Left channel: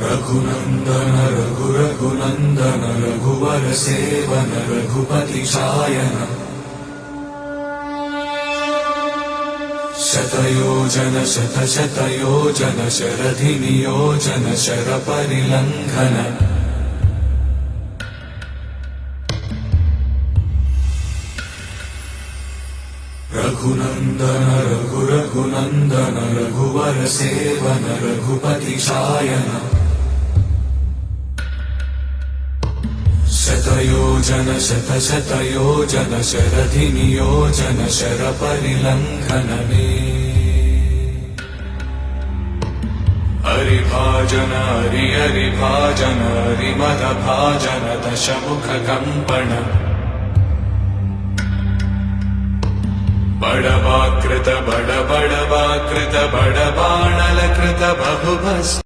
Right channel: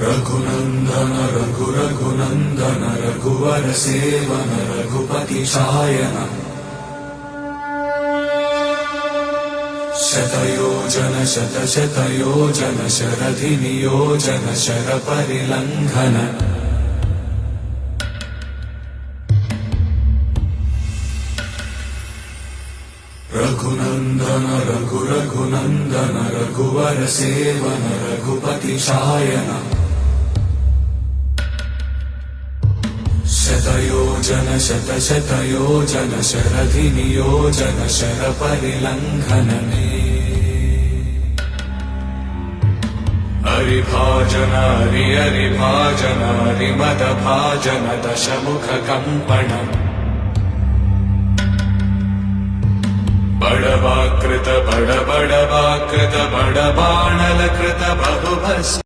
रघुनन्दन रघुनन्दन रघुवर seven Raghupati Shayan शतयोजन शतशतयोजन शरधि नियोजन शरपरिलङ्घन रघुनन्दन रघुनन्दन रघुवर seven Raghupati Shayan शतयोजन शतशतयोजन शरधि नियोजन शरपरिलङ्घन हरिभाजन हरिभाजन हरिमदभाजन दशमुख कंपन बड़वाकृत बड़वाकृत बड़बाणलकृत बहुभस्म